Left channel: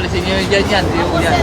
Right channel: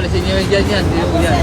alisin nyo yung dyan yan. Yung yan.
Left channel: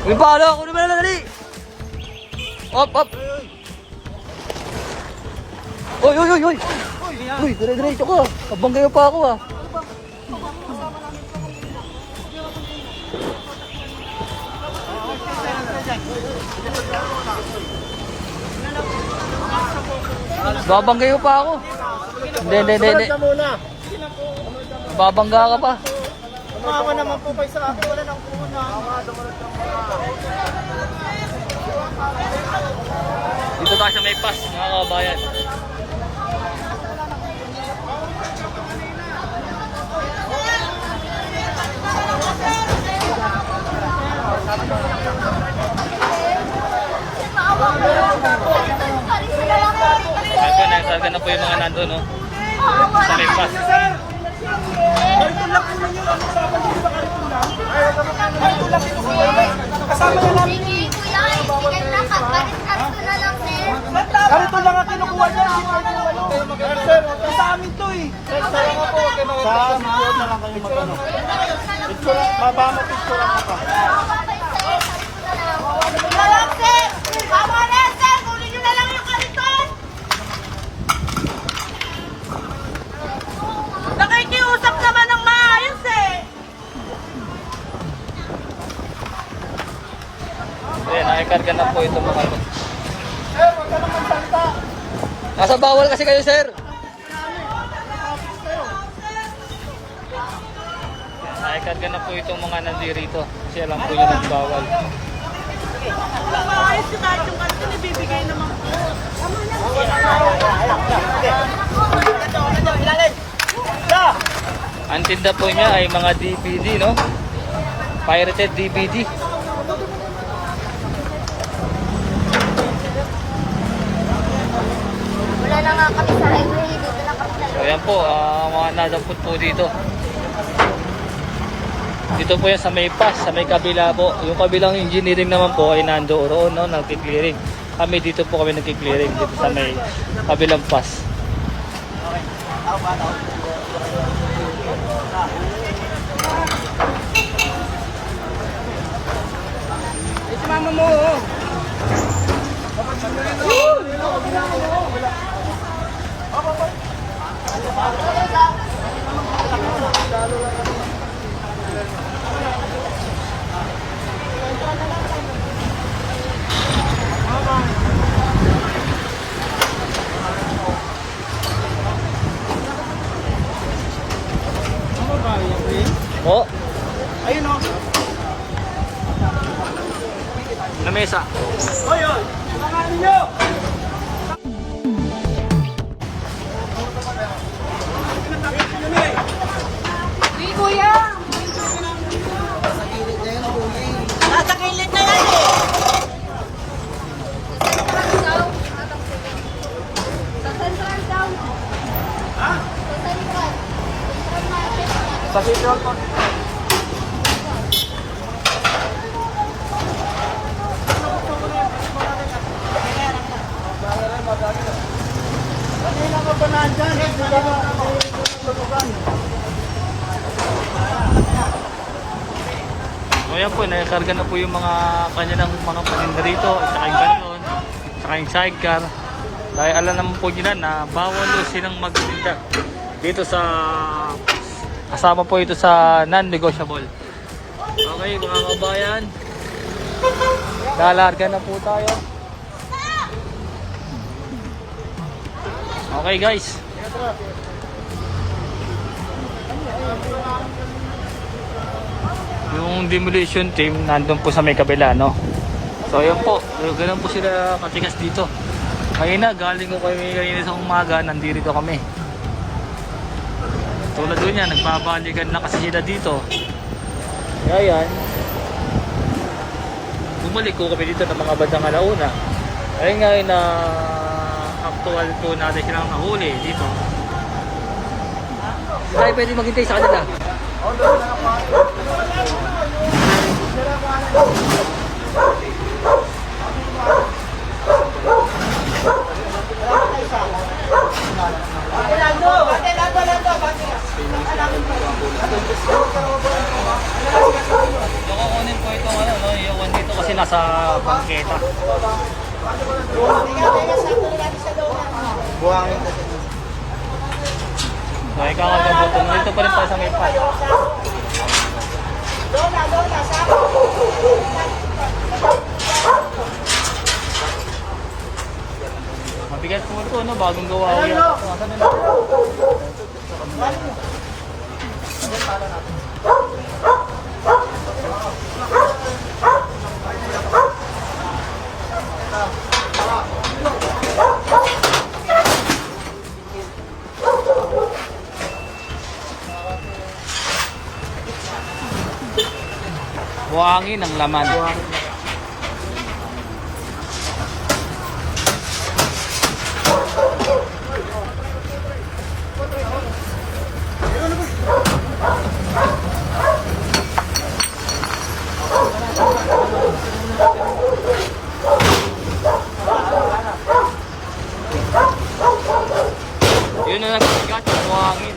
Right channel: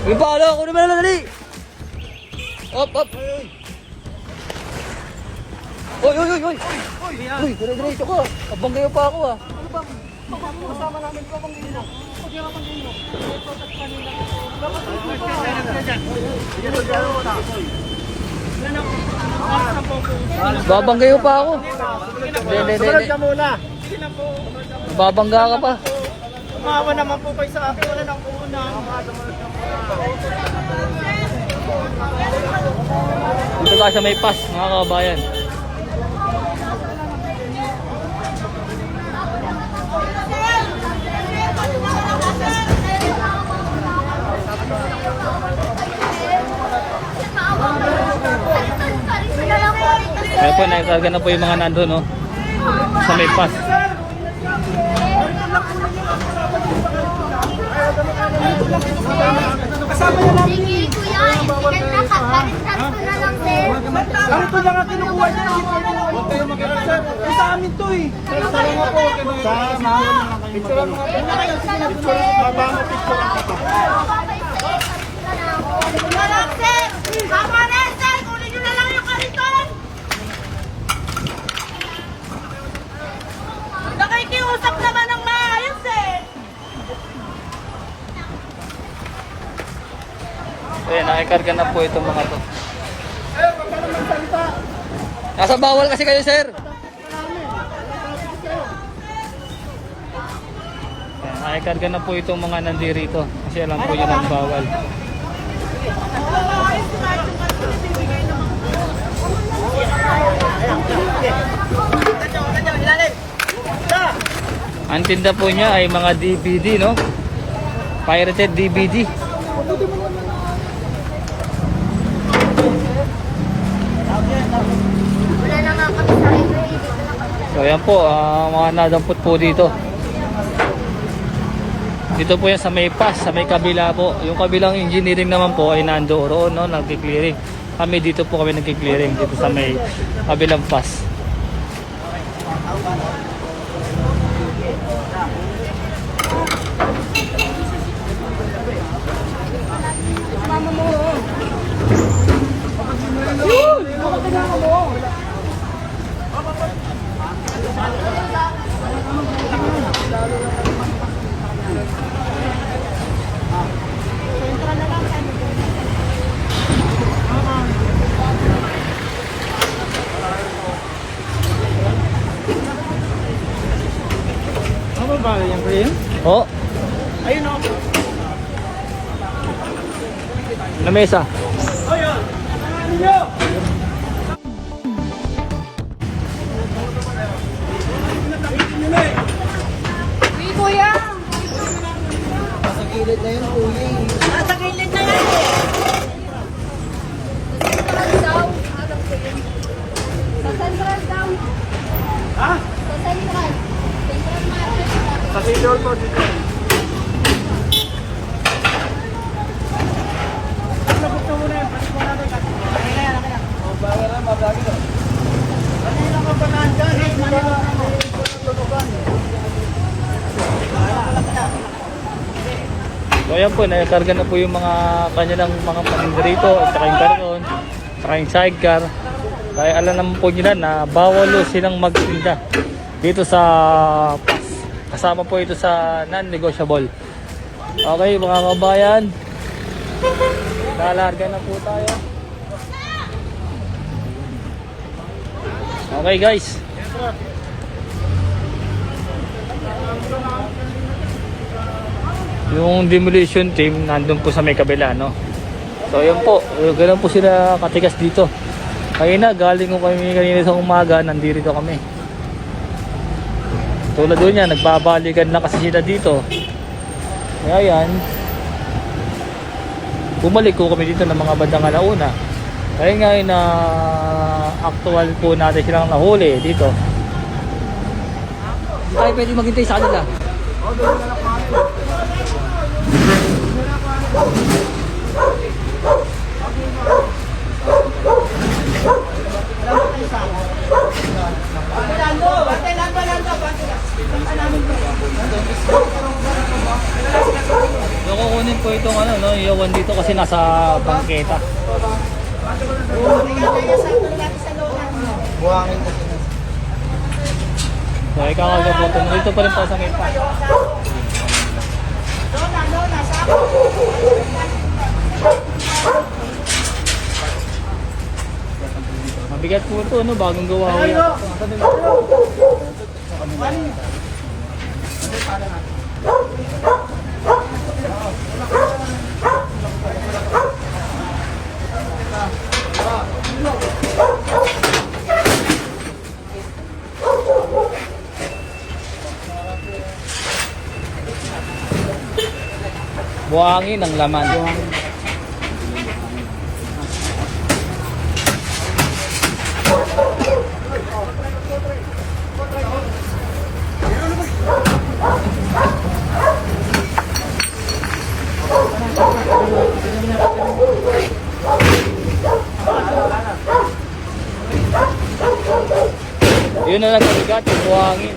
Uy, paano? Kunin mo na lang, dali! Op, op! Uy, uy, uy, uy! Uy, dire-diretso ko. Abang kayo pa ako ah. Kasama namin ko kung gino. Pag yung abang gino. Babang kayo pa ako. Hindi. Sumunod ka muna. Babangga ka pa. Umawa naman po kayo sa akin. Wala nang puhunan. Dito ka sa may pass, mga kababayan. Kaya po, nagsaga na po yung mga nandun, no? Sa may pass. Sige, kuya, ibigay na ka. Baliktad ko na lang, sir. Ano ito mga kinukuha na lang? Kayo mag-sir. Sa amin to eh. Sama po. Sama. Picture mo. Mama, picture mo pa. Wala, sir. Tama na, sir. Kunin nyo na lang yung kariton. Nakikiusap naman ng maayos, eh. Kaya nakikarga na po ito po. Sir, wag ka naman salita. Nasa bawal kasi kayo, sir. Nakikarga na po itong mga nandirito. Kasi ano po yan ang ginawa. Ang tinda po niya ay mga DVD, no? Pirated DVD. Pagkutin mo naman na. Wala na nga kami sa library doon. So ayan po, mga nadampot po dito. Ito po yan sa may pass, sa may kabila po. Yung kabilang engineering naman po ay nandoon no, nag-clearing. Kami dito po kami nag-clearing sa may kabilang pass. Mama mo. Ano ba yung rin? Oh, Ayun o. na mesa. Ayun. Ano nyo? Hindi, kuya. Sa gilid na yun, kuya. Sa gilid na nga, eh. Sa central daw. Alam ko yun. Sa central daw. Ha? Sa central. Central market. Sa Bicol po dito. Labot ka muna yung palit mo natin. Bayaran, babagi ko. Ano yung mga panaan ka? Manilaw na ako. So ayan po, nakakarga na po yung mga kanilang mga paninda rito, at saka yung karton, at saka yung sidecar. Kaya alam naman po nila na bawal silang magtinda dito sa pass. Kasama po ito sa non-negotiable. Okay mga kabayan, lalarga na po tayo. Okay guys. Yung demolition team nandun po sa may kabila, no? So ayan po, ganun po sila katigas dito. Kaya galing ko kami kanina sa umaga, nandito kami. Tulad doon yan, nagbabalikan na kasi sila dito. Ayan. Bumalik ko kami dito ng mga bandang alauna. Dahil ngayon na actual po natin silang nahuli dito. Hindi tayo pwede maghintay sa kanila. Yung kukunin po itong ano, no, iyawan dito kasi nasa bangketa. So ikakalga po ito. Dito pa rin tayo sa may pan. Mabigat po ito, no? Bagong gawa ko yan. Buhangin ang laman. Yun na nagpabigat yung buhangin.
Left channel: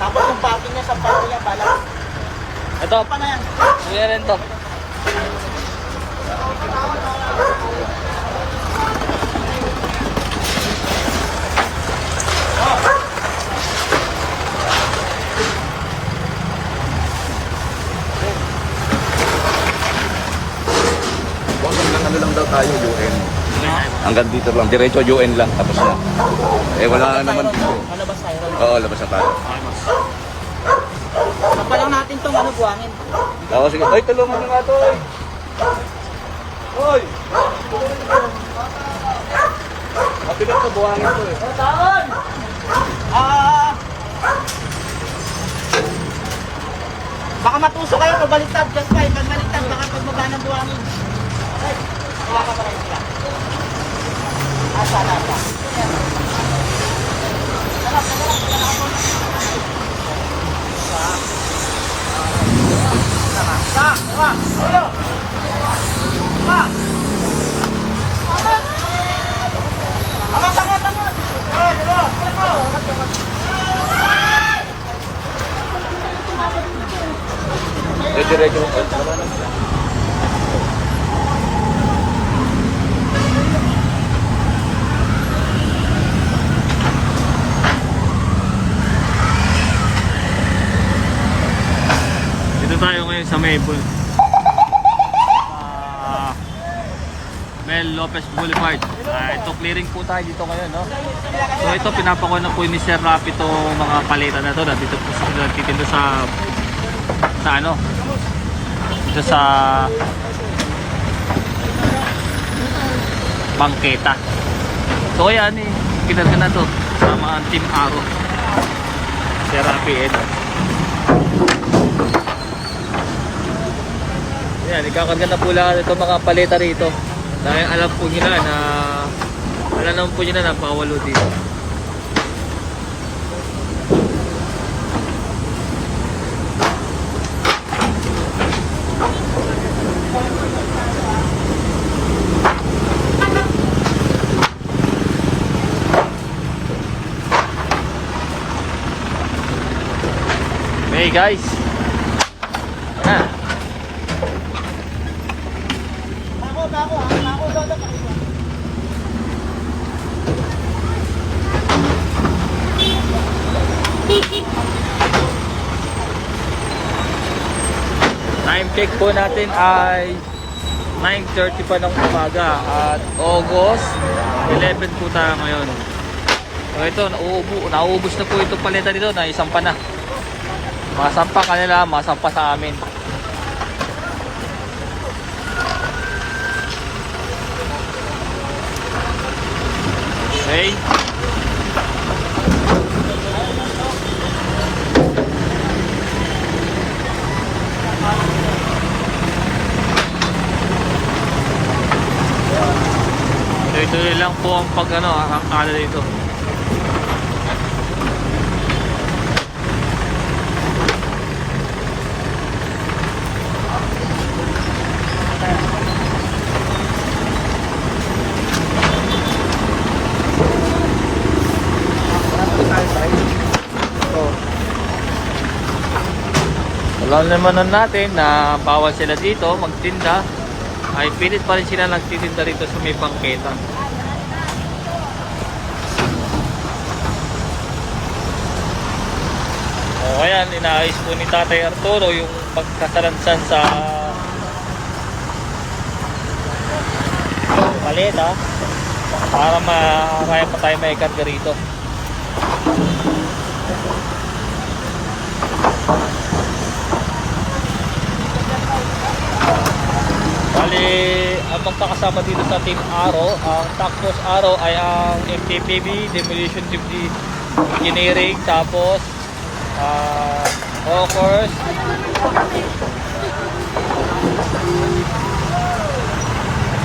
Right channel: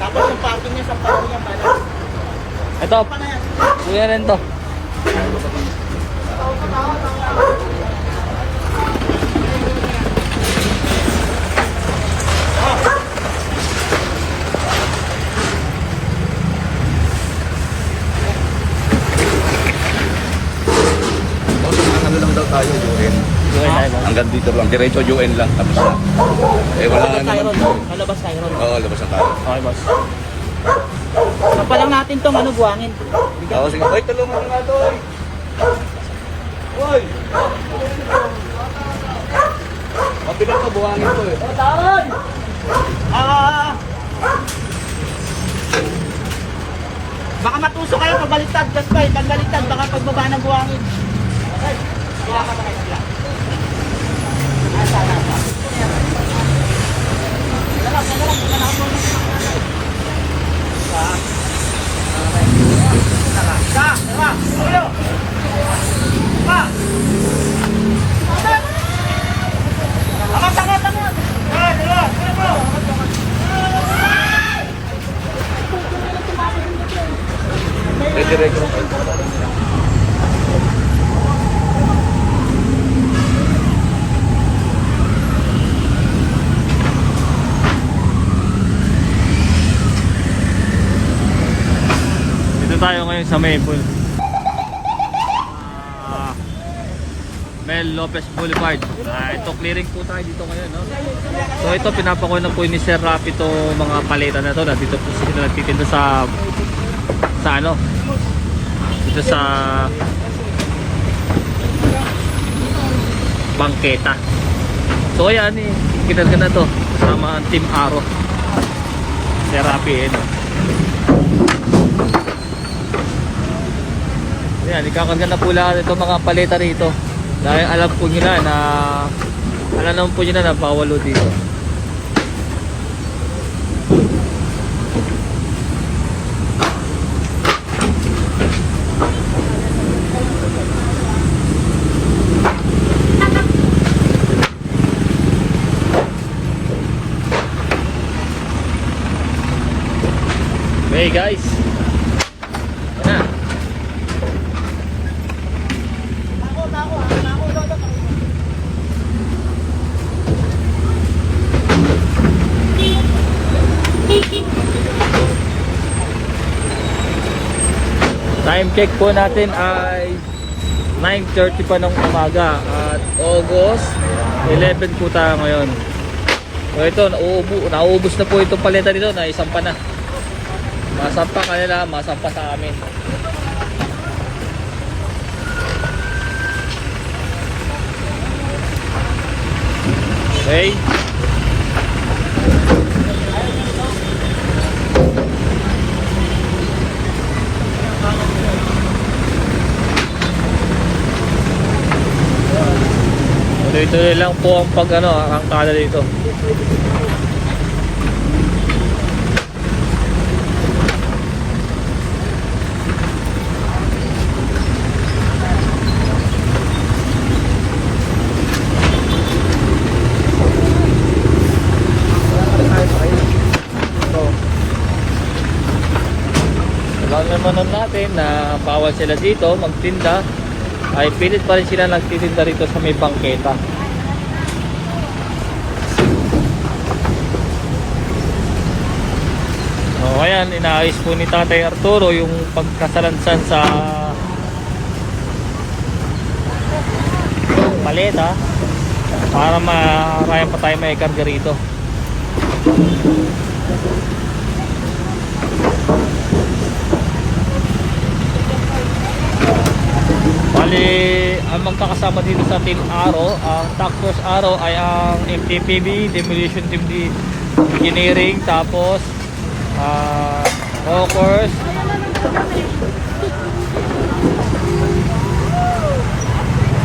Tapos yung parking na sa parking yung balas. Ito, wala na ito. Boss, ang kanilang daw tayo, UN. Gawin tayo ba? Hanggang dito lang, diretso UN lang. Tapos na. Eh wala naman. Malabas tayo ron. Oo, labas na tayo. Okay, boss. Papalang natin tong ano, buwangin. Oo, sige. Ay, tulungan mo nga to, oy. Oy! Mabigat ko buhangin to, eh. Baka matuso kayo pagbaliktad, Gaspay. Pagbaliktad, baka pagbaba ng buwangin. Diretso. Dito tayo ngayon sa Maple. Mel Lopez Boulevard. Ito clearing po tayo dito ngayon, no? So ito pinapakuha na po ni Sir Rapi itong mga paleta na to. Dito po sila nagtitinda sa ano? Dito sa bangketa. So ayan eh, kinarga na to kasama ang Team Aro. Sir Rapi Ayan, ikakarga na po lang ito mga paleta rito. Dahil alam po nila na naman po nila na bawalo dito. Hey guys. Ha. Time check po natin ay 9:30 pa ng umaga at August 11 po tayo ngayon. So ito, nauubos na po itong paleta dito, na isang pa na. Masampa kanila, masampa sa amin. Okay. Tuloy-tuloy lang po ang angkada dito. Alam naman natin na bawal sila dito magtinda, ay pilit pa rin sila nagtitinda rito sa may bangketa. So, ayan, inaayos po ni Tatay Arturo yung pagkasalansan sa paleta para may tayo may kampi rito. TPB, Deviation Technique, Engineering, tapos Rovers,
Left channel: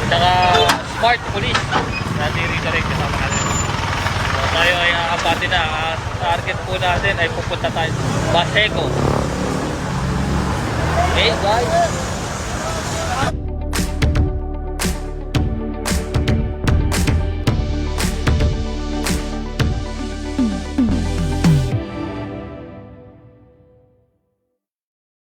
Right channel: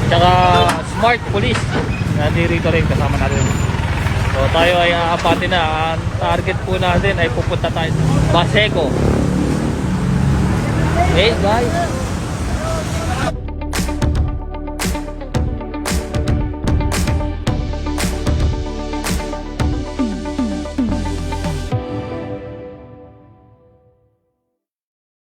saka Smart Police, nandito rin kasama natin. So tayo ay apatin na, ang target po natin ay pupunta tayo Pasego. Okay,